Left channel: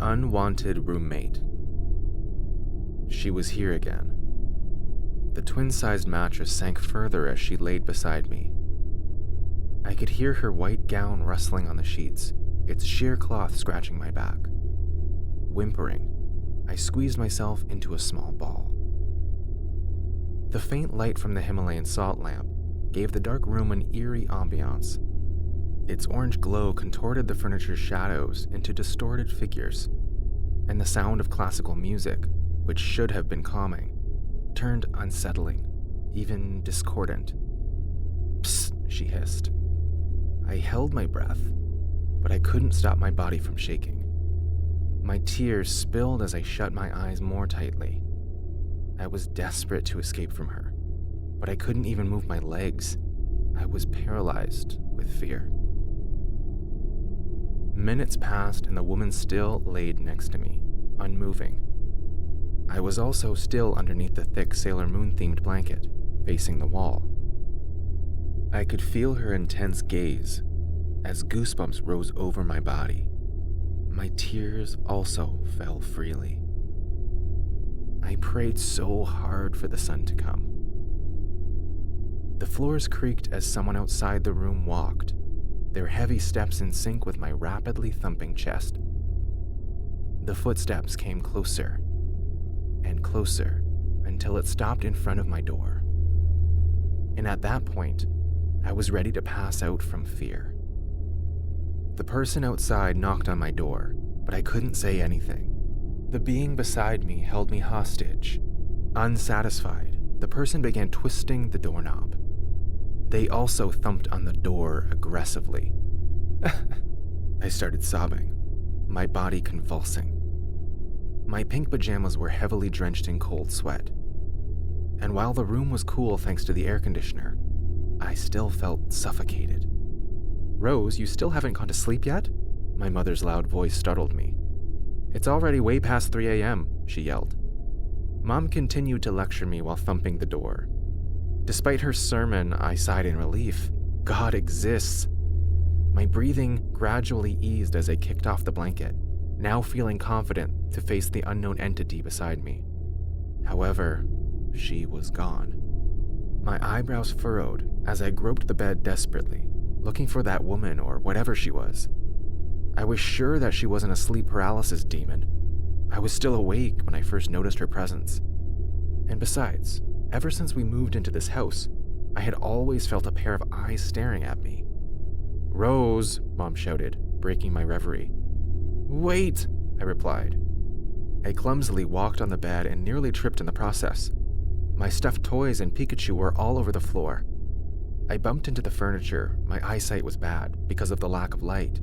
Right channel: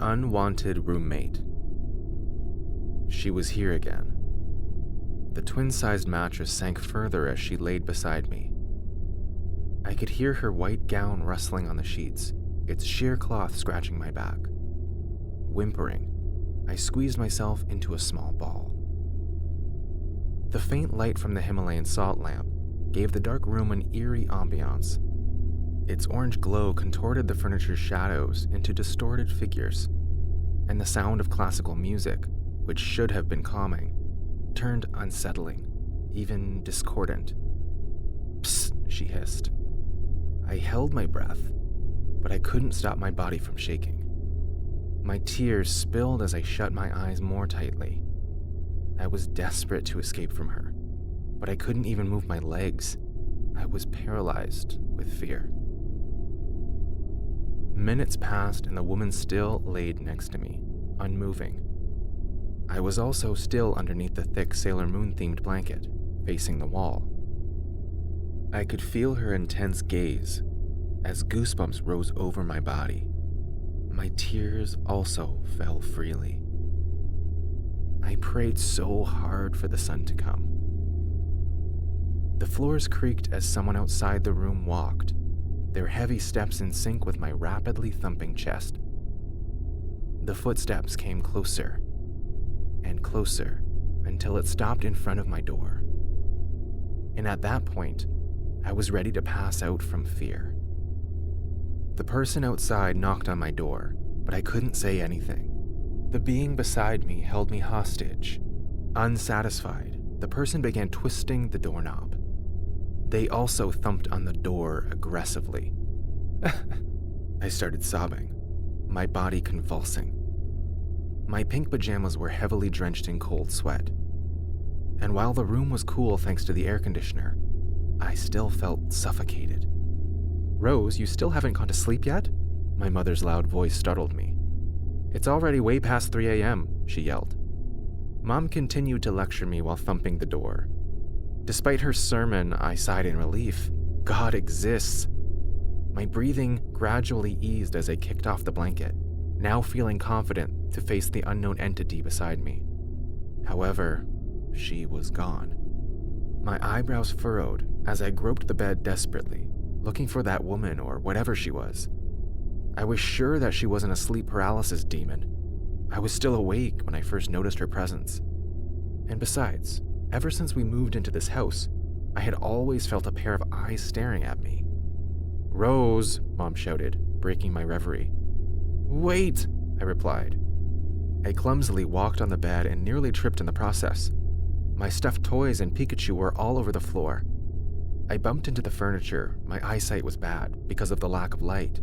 unwanted roommate. She was here again. The twin-sized mattress sank further as she laid beside me. I could hear her white gown rustling on the sheets, its sheer cloth scratching my back. Whimpering, I squeezed myself into a small ball. The faint light from the Himalayan salt lamp gave the dark room an eerie ambiance. Its orange glow contorted the furniture's shadows into distorted figures, and the sound of classical music, which should have been calming, turned unsettling, even discordant. "Psst," she hissed. I held my breath, but I couldn't stop my body from shaking. My tears spilled as I shut my eyes more tightly. I was desperate to escape from her, but I couldn't even move my legs. I was paralyzed with fear. Minutes passed and the woman still laid next to me, unmoving. I was also still underneath the thick Sailor Moon-themed blanket, facing the wall. I could feel her intense gaze as goosebumps rose over my body. My tears also fell freely. I prayed so hard for the sun to come. The floors creaked as someone outside the room walked, their heavy steps in sync with my rapidly thumping chest. The footsteps came closer and closer until it stopped in front of my door. And at that point, I was ready to pass out from fear. The person outside knocked on my door, but I couldn't say anything. The being beside me held me hostage. Unsatisfied, the person began twisting the doorknob. They also thumped on the door aggressively. I started sobbing, my body convulsing. My pink pajamas were heavily drenched in cold sweat. And while the room was cool thanks to the air conditioner, I still felt suffocated. "Rose, you still haven't gone to sleep yet?" My mother's loud voice startled me. "It's already way past 3 a.m., she yelled. Mom continued to lecture me while thumping the door. Despite her sermon, I sighed in relief. God exists. My breathing gradually eased as I kicked off the blanket, now feeling confident to face the unknown entity beside me. However, she was gone. My eyebrows furrowed as I groped the bed desperately, looking for that woman or whatever she was. I was sure that she wasn't a sleep paralysis demon. I was still awake when I first noticed her presence. And besides, ever since we moved into this house, I had always felt a pair of eyes staring at me. "Rose," Mom shouted, breaking my reverie. "Wait," I replied. I clumsily walked on the bed and nearly tripped in the process. My stuffed toys and Pikachu were all over the floor. I bumped into the furniture. My eyesight was bad because of the lack of light.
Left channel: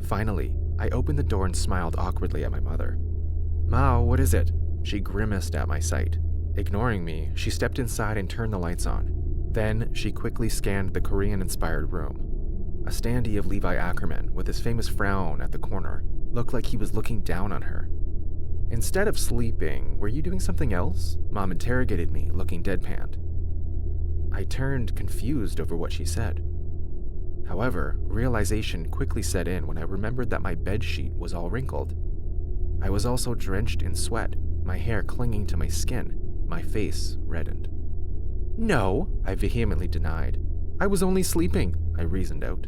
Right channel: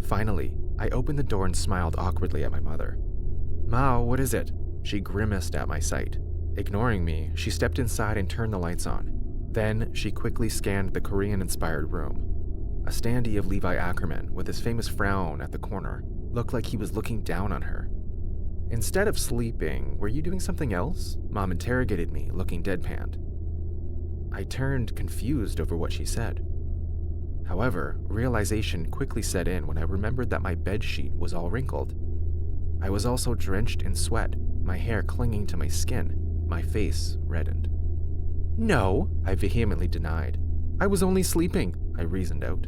Finally, I opened the door and smiled awkwardly at my mother. "Ma, what is it?" She grimaced at my sight. Ignoring me, she stepped inside and turned the lights on. Then, she quickly scanned the Korean-inspired room. A standee of Levi Ackerman, with his famous frown at the corner, looked like he was looking down on her. "Instead of sleeping, were you doing something else?" Mom interrogated me, looking deadpanned. I turned, confused over what she said. However, realization quickly set in when I remembered that my bedsheet was all wrinkled. I was also drenched in sweat, my hair clinging to my skin, my face reddened. "No," I vehemently denied. "I was only sleeping," I reasoned out.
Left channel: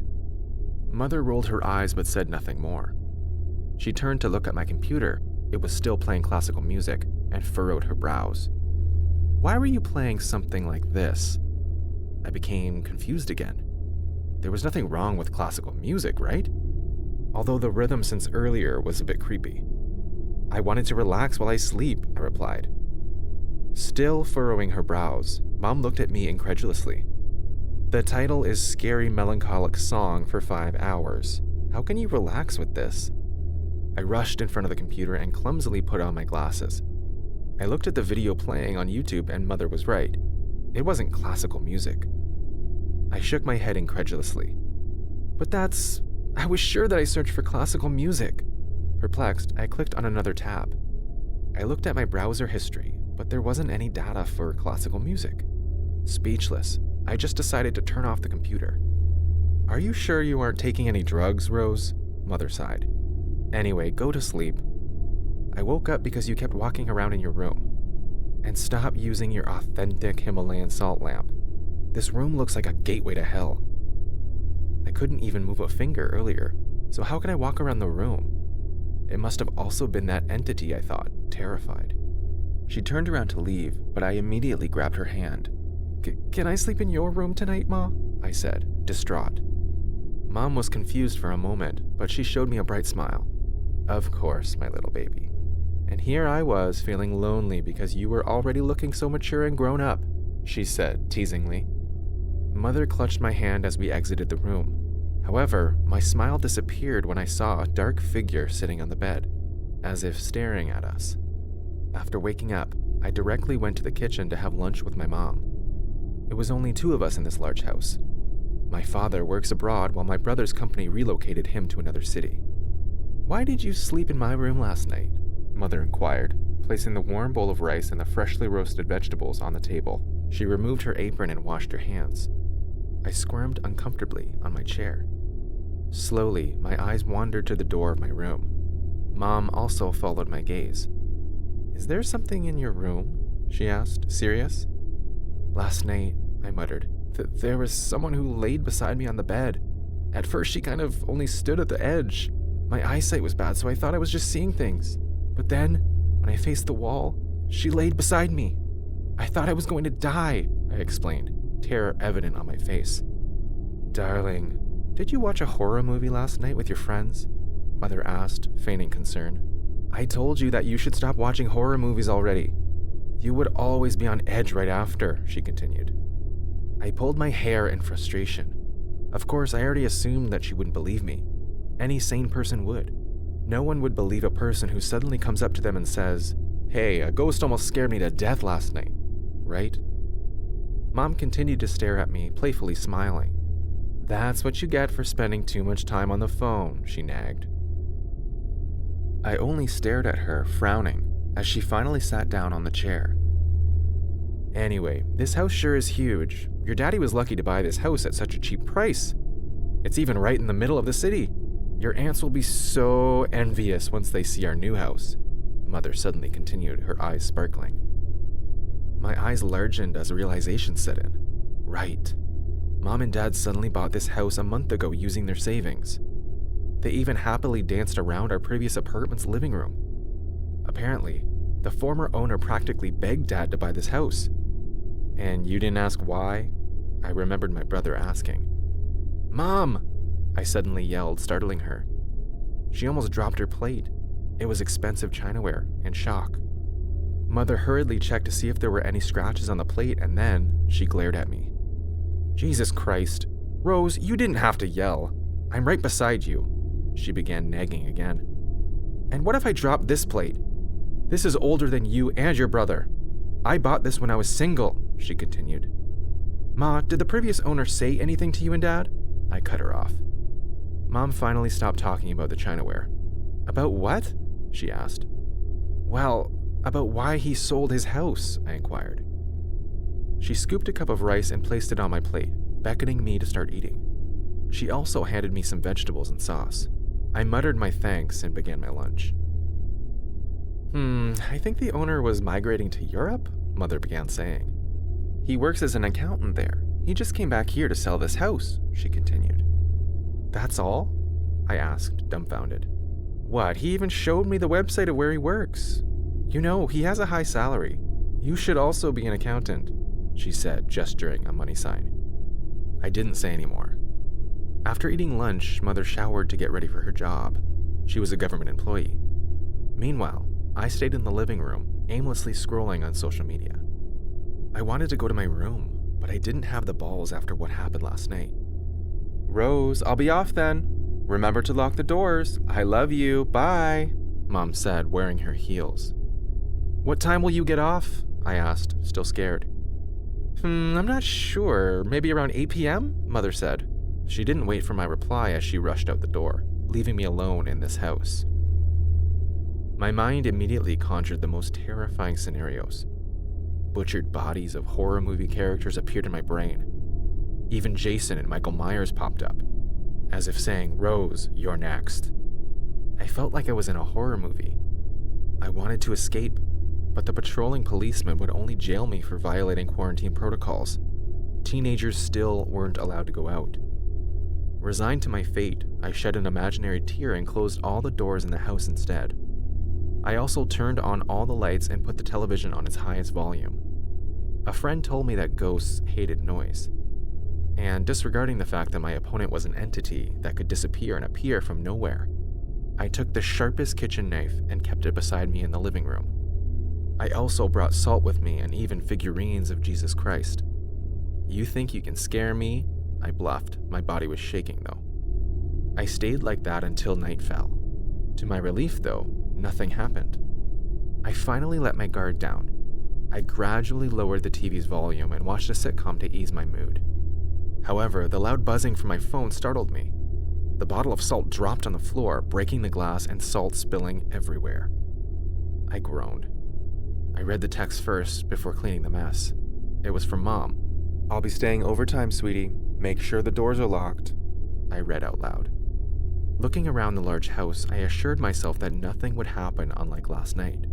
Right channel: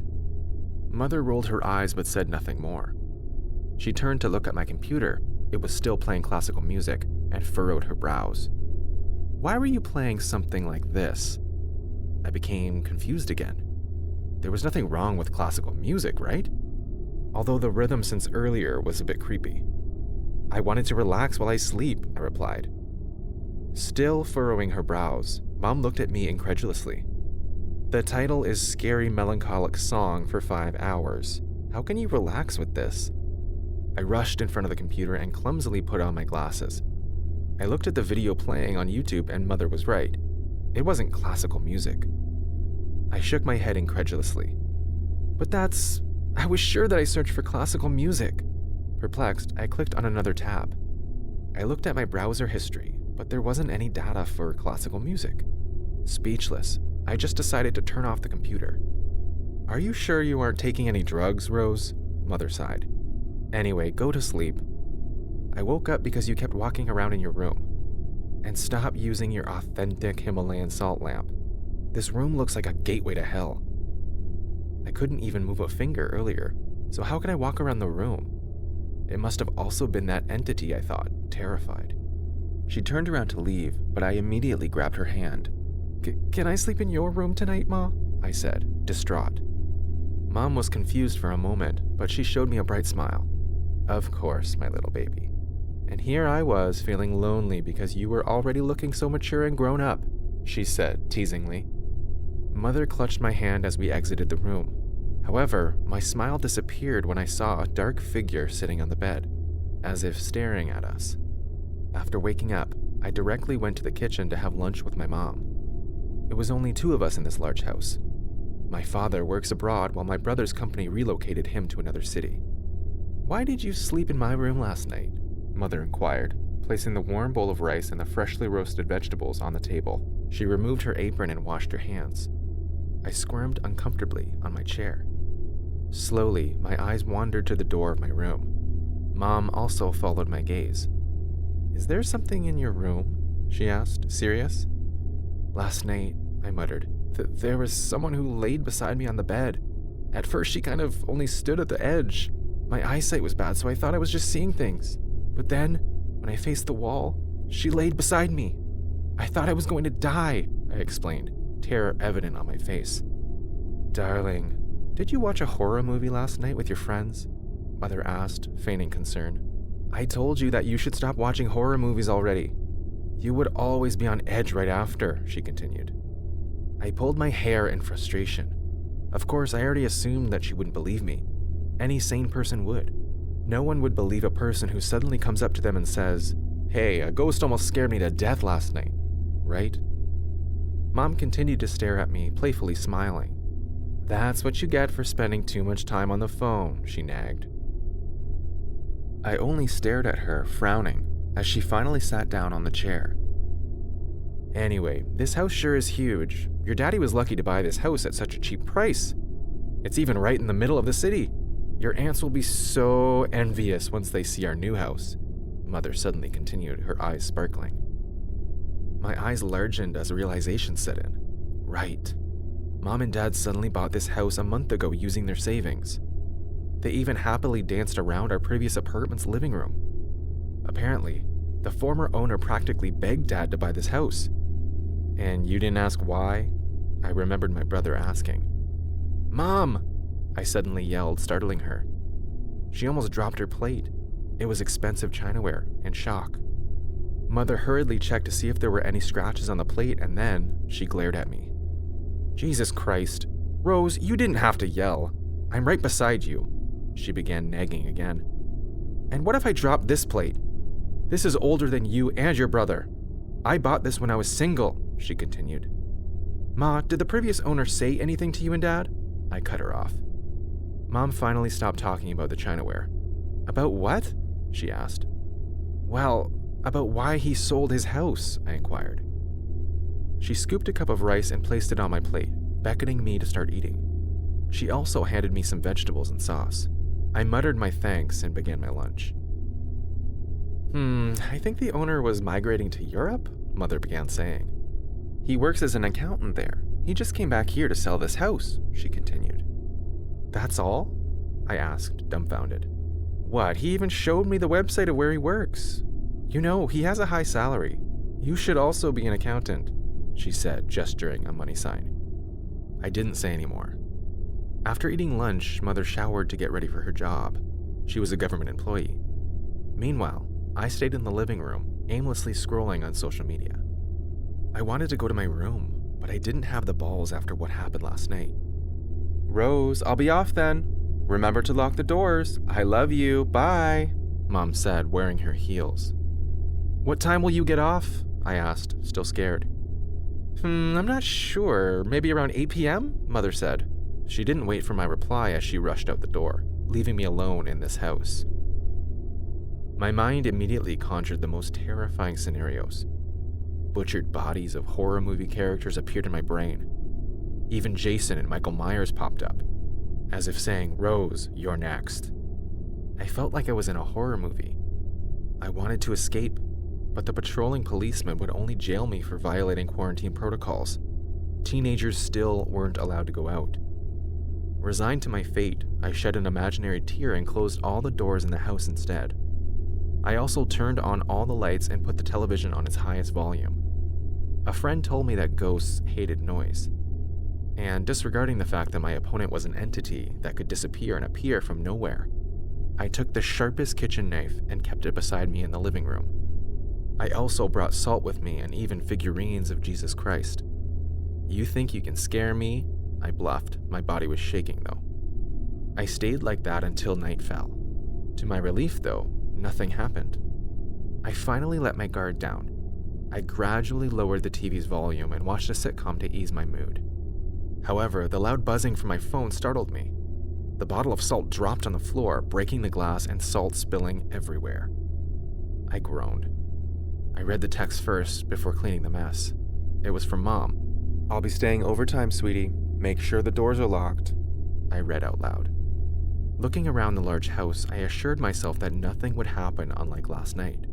Mother rolled her eyes but said nothing more. She turned to look at my computer. It was still playing classical music, and furrowed her brows. "Why were you playing something like this?" I became confused again. There was nothing wrong with classical music, right? Although the rhythm since earlier was a bit creepy. "I wanted to relax while I sleep," I replied. Still furrowing her brows, Mom looked at me incredulously. "The title is Scary Melancholic Song for 5 hours. How can you relax with this?" I rushed in front of the computer and clumsily put on my glasses. I looked at the video playing on YouTube and Mother was right. It wasn't classical music. I shook my head incredulously. "But I was sure that I searched for classical music." Perplexed, I clicked on another tab. I looked at my browser history, but there wasn't any data for classical music. Speechless, I just decided to turn off the computer. "Are you sure you aren't taking any drugs, Rose?" Mother sighed. "Anyway, go to sleep. I woke up because you kept walking around in your room. And stop using your authentic Himalayan salt lamp. This room looks like a gateway to hell. I couldn't even move a finger earlier, so how could I walk around the room? It must have also been that entity, I thought, terrified. She turned around to leave, but I immediately grabbed her hand. Can I sleep in your room tonight, Ma? I said, distraught. Mom was confused for a moment, but she showed me a bright smile. Of course, my little baby. And here I was, feeling lonely because you were already looking so mature and grown up, she said, teasingly. Mother clutched my hand as we exited the room. However, my smile disappeared when I saw a dark figure sitting on the bed, as if staring at us. After waking up, I directly went to the kitchen to have lunch with my mom. It was only 2 of us in this large house. My father works abroad while my brother's company relocated him to another city. Why did you sleep in my room last night? Mother inquired, placing the warm bowl of rice and the freshly roasted vegetables on the table. She removed her apron and washed her hands. I squirmed uncomfortably on my chair. Slowly, my eyes wandered to the door of my room. Mom also followed my gaze. Is there something in your room? She asked, serious. Last night, I muttered, there was someone who laid beside me on the bed. At first, she kind of only stood at the edge. My eyesight was bad, so I thought I was just seeing things. But then, when I faced the wall, she laid beside me. I thought I was going to die, I explained, terror evident on my face. Darling, did you watch a horror movie last night with your friends? Mother asked, feigning concern. I told you that you should stop watching horror movies already. You would always be on edge right after, she continued. I pulled my hair in frustration. Of course, I already assumed that she wouldn't believe me. Any sane person would. No one would believe a person who suddenly comes up to them and says, "Hey, a ghost almost scared me to death last night," right? Mom continued to stare at me, playfully smiling. That's what you get for spending too much time on the phone, she nagged. I only stared at her, frowning, as she finally sat down on the chair. Anyway, this house sure is huge. Your daddy was lucky to buy this house at such a cheap price. It's even right in the middle of the city. Your aunts will be so envious once they see our new house, Mother suddenly continued, her eyes sparkling. My eyes largened as a realization set in. Right. Mom and Dad suddenly bought this house a month ago using their savings. They even happily danced around our previous apartment's living room. Apparently, the former owner practically begged Dad to buy this house. And you didn't ask why? I remembered my brother asking. Mom! I suddenly yelled, startling her. She almost dropped her plate. It was expensive chinaware, in shock. Mother hurriedly checked to see if there were any scratches on the plate, and then she glared at me. Jesus Christ. Rose, you didn't have to yell. I'm right beside you. She began nagging again. And what if I drop this plate? This is older than you and your brother. I bought this when I was single, she continued. Ma, did the previous owner say anything to you and Dad? I cut her off. Mom finally stopped talking about the chinaware. About what? She asked. Well, about why he sold his house, I inquired. She scooped a cup of rice and placed it on my plate, beckoning me to start eating. She also handed me some vegetables and sauce. I muttered my thanks and began my lunch. I think the owner was migrating to Europe, Mother began saying. He works as an accountant there. He just came back here to sell this house, she continued. That's all? I asked, dumbfounded. What, he even showed me the website of where he works. You know, he has a high salary. You should also be an accountant, she said, gesturing a money sign. I didn't say any more. After eating lunch, Mother showered to get ready for her job. She was a government employee. Meanwhile, I stayed in the living room, aimlessly scrolling on social media. I wanted to go to my room, but I didn't have the balls after what happened last night. Rose, I'll be off then. Remember to lock the doors. I love you. Bye, Mom said, wearing her heels. What time will you get off? I asked, still scared. I'm not sure. Maybe around 8 p.m., Mother said. She didn't wait for my reply as she rushed out the door, leaving me alone in this house. My mind immediately conjured the most terrifying scenarios. Butchered bodies of horror movie characters appeared in my brain. Even Jason and Michael Myers popped up, as if saying, Rose, you're next. I felt like I was in a horror movie. I wanted to escape, but the patrolling policeman would only jail me for violating quarantine protocols. Teenagers still weren't allowed to go out. Resigned to my fate, I shed an imaginary tear and closed all the doors in the house instead. I also turned on all the lights and put the television on its highest volume. A friend told me that ghosts hated noise, and disregarding the fact that my opponent was an entity that could disappear and appear from nowhere, I took the sharpest kitchen knife and kept it beside me in the living room. I also brought salt with me and even figurines of Jesus Christ. "You think you can scare me?" I bluffed. My body was shaking though. I stayed like that until night fell. To my relief though, nothing happened. I finally let my guard down. I gradually lowered the TV's volume and watched a sitcom to ease my mood. However, the loud buzzing from my phone startled me. The bottle of salt dropped on the floor, breaking the glass and salt spilling everywhere. I groaned. I read the text first before cleaning the mess. It was from Mom. "I'll be staying overtime, sweetie. Make sure the doors are locked," I read out loud. Looking around the large house, I assured myself that nothing would happen unlike last night.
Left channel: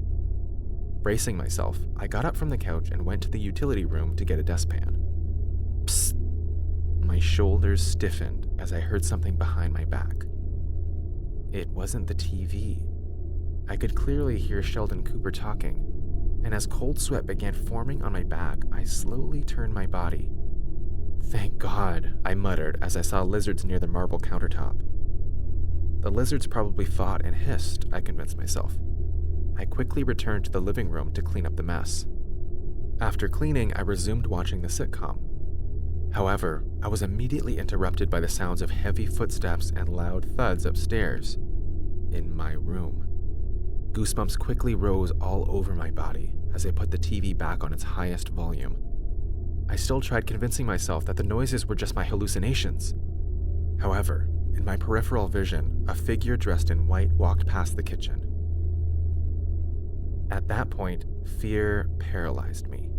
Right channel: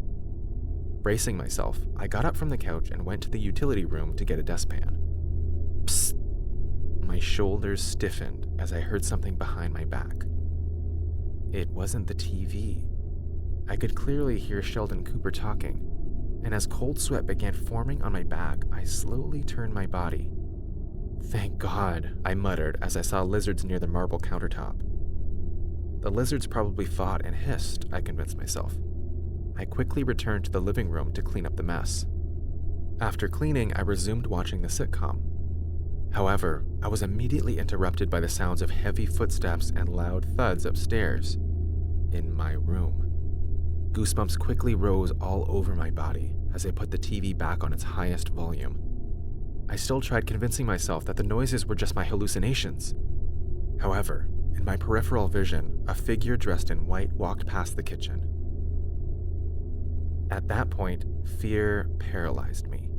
Bracing myself, I got up from the couch and went to the utility room to get a dustpan. Psst! My shoulders stiffened as I heard something behind my back. It wasn't the TV. I could clearly hear Sheldon Cooper talking, and as cold sweat began forming on my back, I slowly turned my body. "Thank God," I muttered as I saw lizards near the marble countertop. The lizards probably fought and hissed, I convinced myself. I quickly returned to the living room to clean up the mess. After cleaning, I resumed watching the sitcom. However, I was immediately interrupted by the sounds of heavy footsteps and loud thuds upstairs, in my room. Goosebumps quickly rose all over my body as I put the TV back on its highest volume. I still tried convincing myself that the noises were just my hallucinations. However, in my peripheral vision, a figure dressed in white walked past the kitchen. At that point, fear paralyzed me.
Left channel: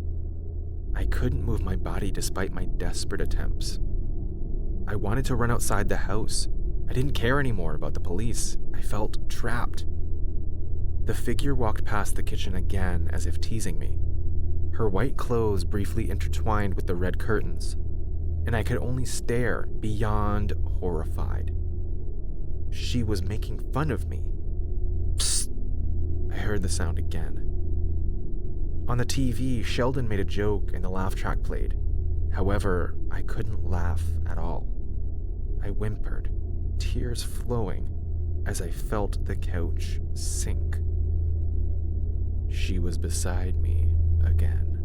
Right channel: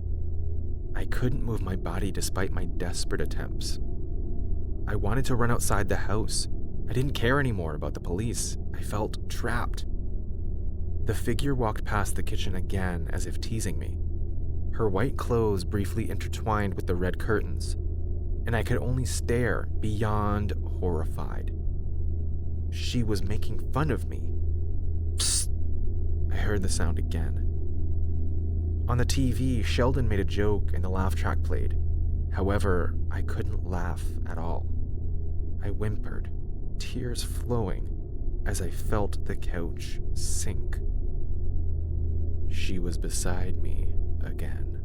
I couldn't move my body despite my desperate attempts. I wanted to run outside the house. I didn't care anymore about the police. I felt trapped. The figure walked past the kitchen again as if teasing me. Her white clothes briefly intertwined with the red curtains, and I could only stare, beyond horrified. She was making fun of me. Psst! I heard the sound again. On the TV, Sheldon made a joke and the laugh track played. However, I couldn't laugh at all. I whimpered, tears flowing, as I felt the couch sink. She was beside me again.